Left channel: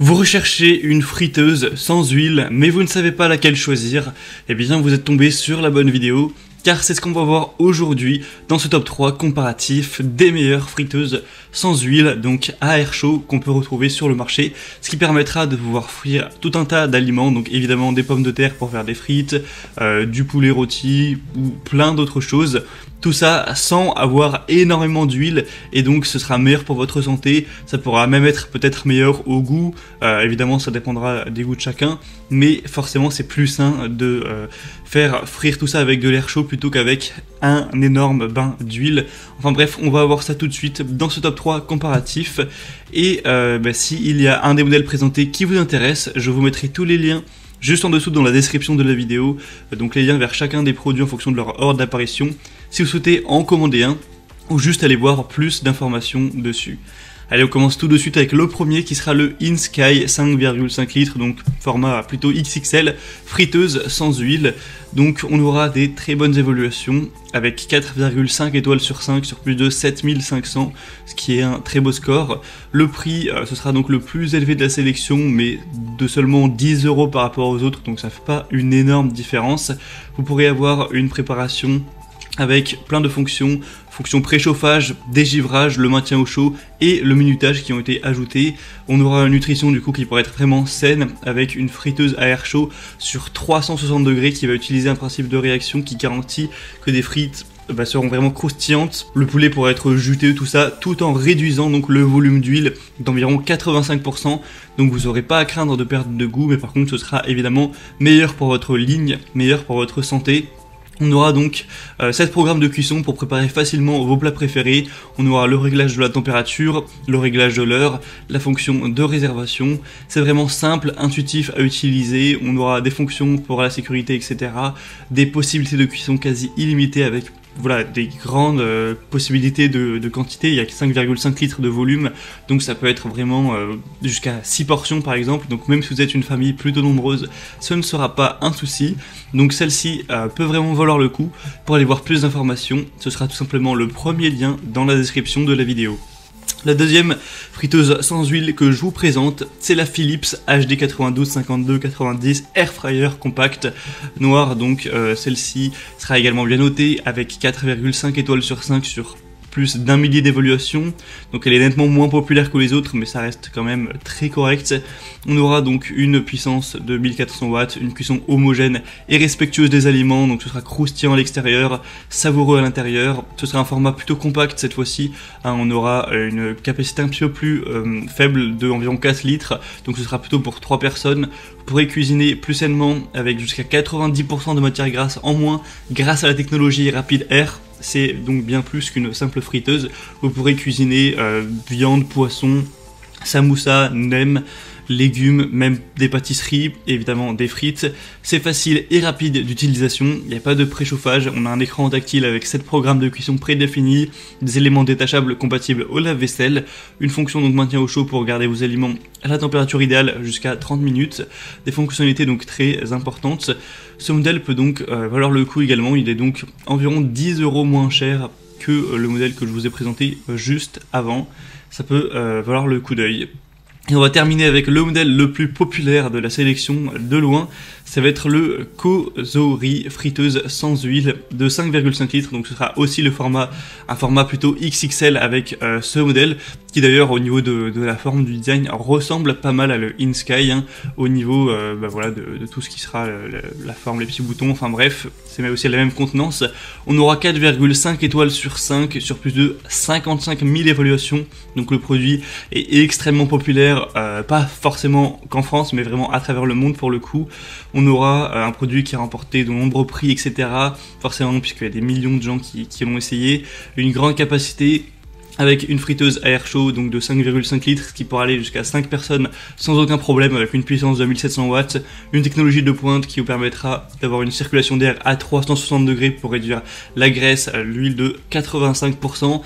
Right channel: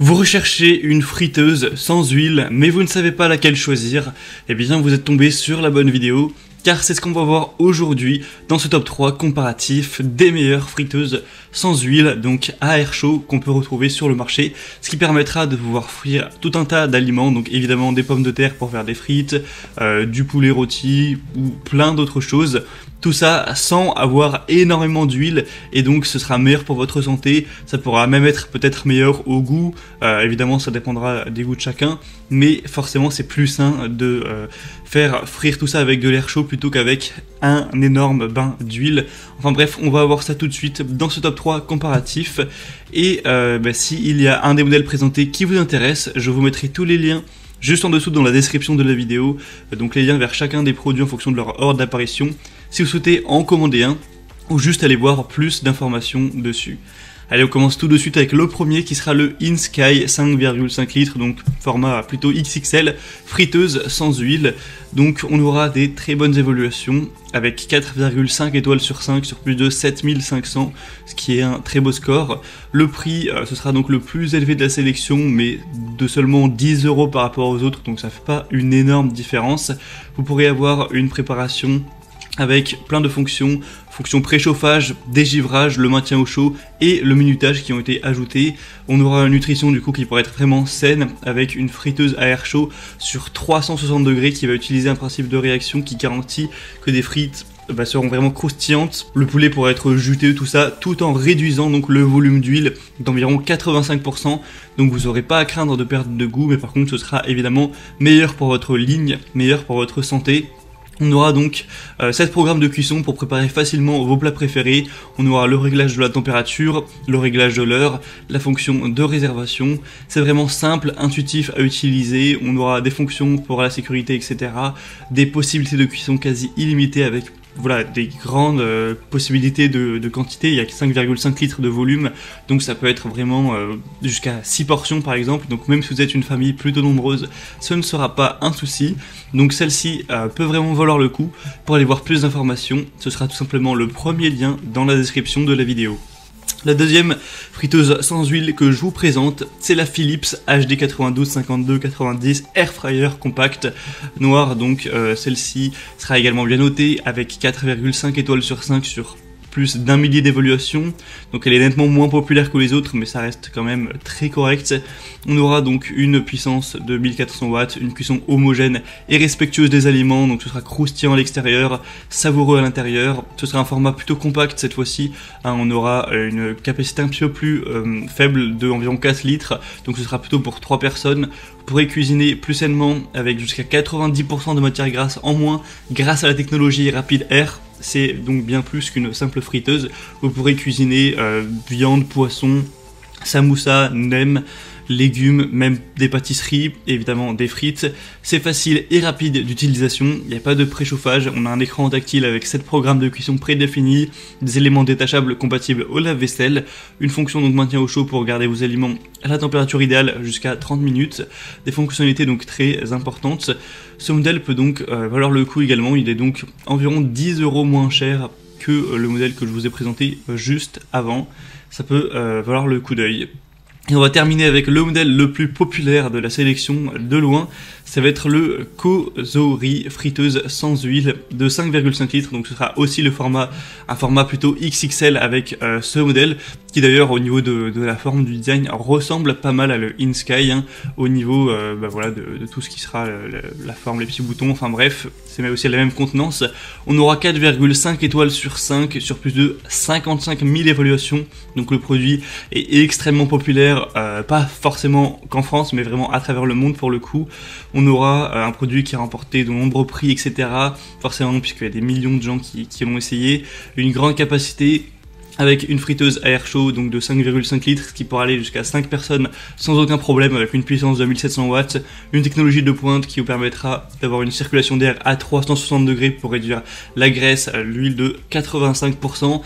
Vous recherchez une friteuse sans huile, mais vous ne savez pas laquelle choisir, eh bien vous êtes tombé sur la bonne vidéo, car c'est ce qu'on va voir aujourd'hui dans ce top 3 comparatif des meilleures friteuses sans huile, donc à air chaud, qu'on peut retrouver sur le marché, ce qui permettra de pouvoir frire tout un tas d'aliments, donc évidemment des pommes de terre pour faire des frites, du poulet rôti ou plein d'autres choses. Tout ça sans avoir énormément d'huile, et donc ce sera meilleur pour votre santé. Ça pourra même être peut-être meilleur au goût, évidemment ça dépendra des goûts de chacun, mais forcément c'est plus sain de faire frire tout ça avec de l'air chaud plutôt qu'avec un énorme bain d'huile. Enfin bref, on va voir ça tout de suite dans ce top 3 comparatif, et s'il y a un des modèles présentés qui vous intéresse, je vous mettrai tous les liens juste en dessous dans la description de la vidéo, donc les liens vers chacun des produits en fonction de leur ordre d'apparition, si vous souhaitez en commander un, ou juste aller voir plus d'informations dessus. Allez, on commence tout de suite avec le premier qui sera le InSky 5,5 litres, donc format plutôt XXL, friteuse sans huile. Donc on aura des très bonnes évaluations avec 4,5 étoiles sur 5 sur plus de 7500, ce qui est un très beau score. Le prix, ce sera donc le plus élevé de la sélection, mais de seulement 10 € par rapport aux autres, donc ça fait pas une énorme différence. Vous pourrez avoir une préparation avec plein de fonctions préchauffage, dégivrage, le maintien au chaud et le minutage qui ont été ajoutés. On aura une nutrition du coup qui pourrait être vraiment saine avec une friteuse à air chaud sur 360 degrés qui va utiliser un principe de réaction qui garantit que des frites seront vraiment croustillantes. Le poulet pourra être juteux, tout ça, tout en réduisant donc le volume d'huile d'environ 85%. Donc vous n'aurez pas à craindre de perdre de goût, mais par contre ce sera évidemment meilleur pour votre ligne, meilleur pour votre santé. On aura donc 7 programmes de cuisson pour préparer facilement vos plats préférés. On aura le réglage de la température, le réglage de l'heure, la fonction de réservation. C'est vraiment simple, intuitif à utiliser. On aura des fonctions pour la sécurité, etc. Des possibilités de cuisson quasi illimitées avec des grandes possibilités de quantité. Il y a 5,5 litres de volume, donc ça peut être vraiment jusqu'à 6 portions par exemple. Donc même si vous êtes une famille plutôt nombreuse, ce ne sera pas un souci. Donc celle-ci peut vraiment valoir le coup. Pour aller voir plus d'informations, ce sera tout simplement le premier lien dans la description de la vidéo. La deuxième friteuse sans huile que je vous présente, c'est la Philips HD 925290 Air Fryer Compact noire. Donc celle-ci sera également bien notée avec 4,5 étoiles sur 5 sur plus d'1 millier d'évaluations. Donc elle est nettement moins populaire que les autres, mais ça reste quand même très correct. On aura donc une puissance de 1400 watts, une cuisson homogène et respectueuse des aliments, donc ce sera croustillant à l'extérieur, savoureux à l'intérieur. Ce sera un format plutôt compact cette fois-ci, on aura une capacité un petit peu plus faible de environ 4 litres, donc ce sera plutôt pour 3 personnes. Vous pourrez cuisiner plus sainement avec jusqu'à 90% de matière grasse en moins grâce à la technologie Rapid Air. C'est donc bien plus qu'une simple friteuse. Vous pourrez cuisiner viande, poisson, samoussa, nem, légumes, même des pâtisseries, évidemment des frites. C'est facile et rapide d'utilisation, il n'y a pas de préchauffage, on a un écran tactile avec 7 programmes de cuisson prédéfinis, des éléments détachables compatibles au lave-vaisselle, une fonction donc maintien au chaud pour garder vos aliments à la température idéale jusqu'à 30 minutes, des fonctionnalités donc très importantes. Ce modèle peut donc valoir le coup également, il est donc environ 10 € moins cher que le modèle que je vous ai présenté juste avant. Ça peut valoir le coup d'œil. Et on va terminer avec le modèle le plus populaire de la sélection de loin, ça va être le Kozori friteuse sans huile de 5,5 litres, donc ce sera aussi un format plutôt XXL avec ce modèle, qui d'ailleurs au niveau de la forme du design ressemble pas mal à le InSky, au niveau de tout ce qui sera la forme, les petits boutons, enfin bref, c'est aussi la même contenance. On aura 4,5 étoiles sur 5 sur plus de 55 000 évaluations, donc le produit est extrêmement populaire, pas forcément qu'en France, mais vraiment à travers le monde pour le coup. On aura un produit qui a remporté de nombreux prix, etc. Forcément, puisqu'il y a des millions de gens qui l'ont essayé. Une grande capacité avec une friteuse à air chaud donc de 5,5 litres, ce qui pourra aller jusqu'à 5 personnes sans aucun problème, avec une puissance de 1700 watts, une technologie de pointe qui vous permettra d'avoir une circulation d'air à 360 degrés pour réduire la graisse, l'huile de 85%.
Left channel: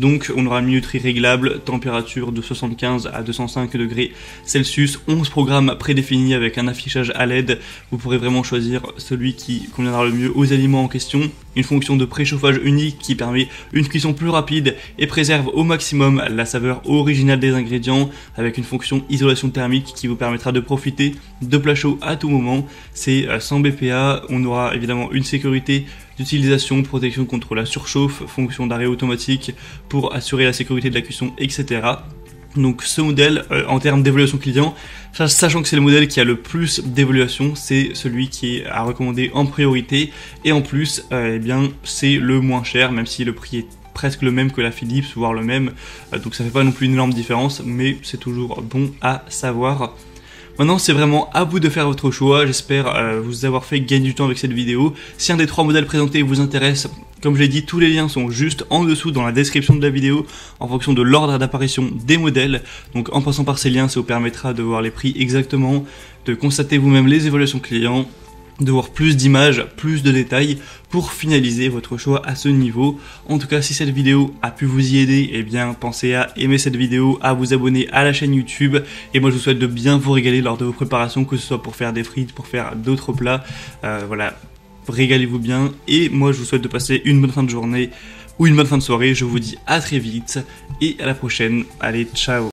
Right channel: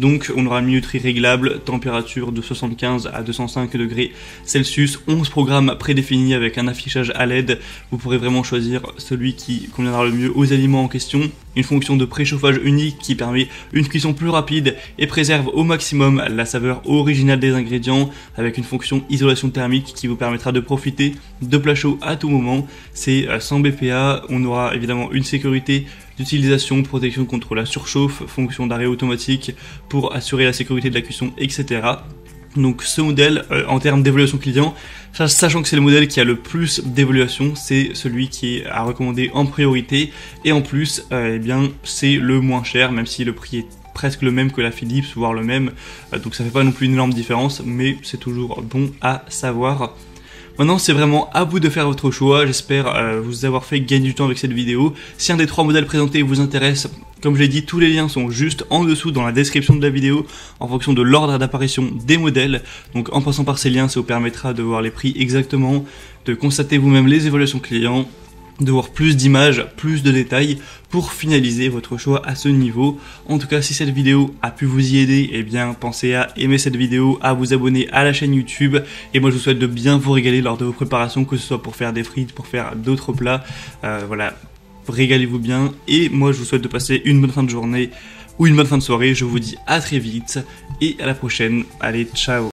Donc on aura une minuterie réglable, température de 75 à 205 degrés Celsius, 11 programmes prédéfinis avec un affichage à LED. Vous pourrez vraiment choisir celui qui conviendra le mieux aux aliments en question. Une fonction de préchauffage unique qui permet une cuisson plus rapide et préserve préserve au maximum la saveur originale des ingrédients avec une fonction isolation thermique qui vous permettra de profiter de plats chauds à tout moment. C'est sans BPA, on aura évidemment une sécurité d'utilisation, protection contre la surchauffe, fonction d'arrêt automatique pour assurer la sécurité de la cuisson, etc. Donc ce modèle, en termes d'évaluation client, sachant que c'est le modèle qui a le plus d'évaluation, c'est celui qui est à recommander en priorité, et en plus, eh bien, c'est le moins cher, même si le prix est presque le même que la Philips, voire le même, donc ça fait pas non plus une énorme différence, mais c'est toujours bon à savoir. Maintenant, c'est vraiment à vous de faire votre choix. J'espère vous avoir fait gagner du temps avec cette vidéo. Si un des 3 modèles présentés vous intéresse, comme je l'ai dit, tous les liens sont juste en dessous dans la description de la vidéo en fonction de l'ordre d'apparition des modèles. Donc en passant par ces liens, ça vous permettra de voir les prix exactement, de constater vous-même les évaluations clients, de voir plus d'images, plus de détails pour finaliser votre choix à ce niveau. En tout cas, si cette vidéo a pu vous y aider, eh bien pensez à aimer cette vidéo, à vous abonner à la chaîne YouTube, et moi je vous souhaite de bien vous régaler lors de vos préparations, que ce soit pour faire des frites, pour faire d'autres plats, voilà, régalez-vous bien, et moi je vous souhaite de passer une bonne fin de journée ou une bonne fin de soirée. Je vous dis à très vite et à la prochaine. Allez, ciao.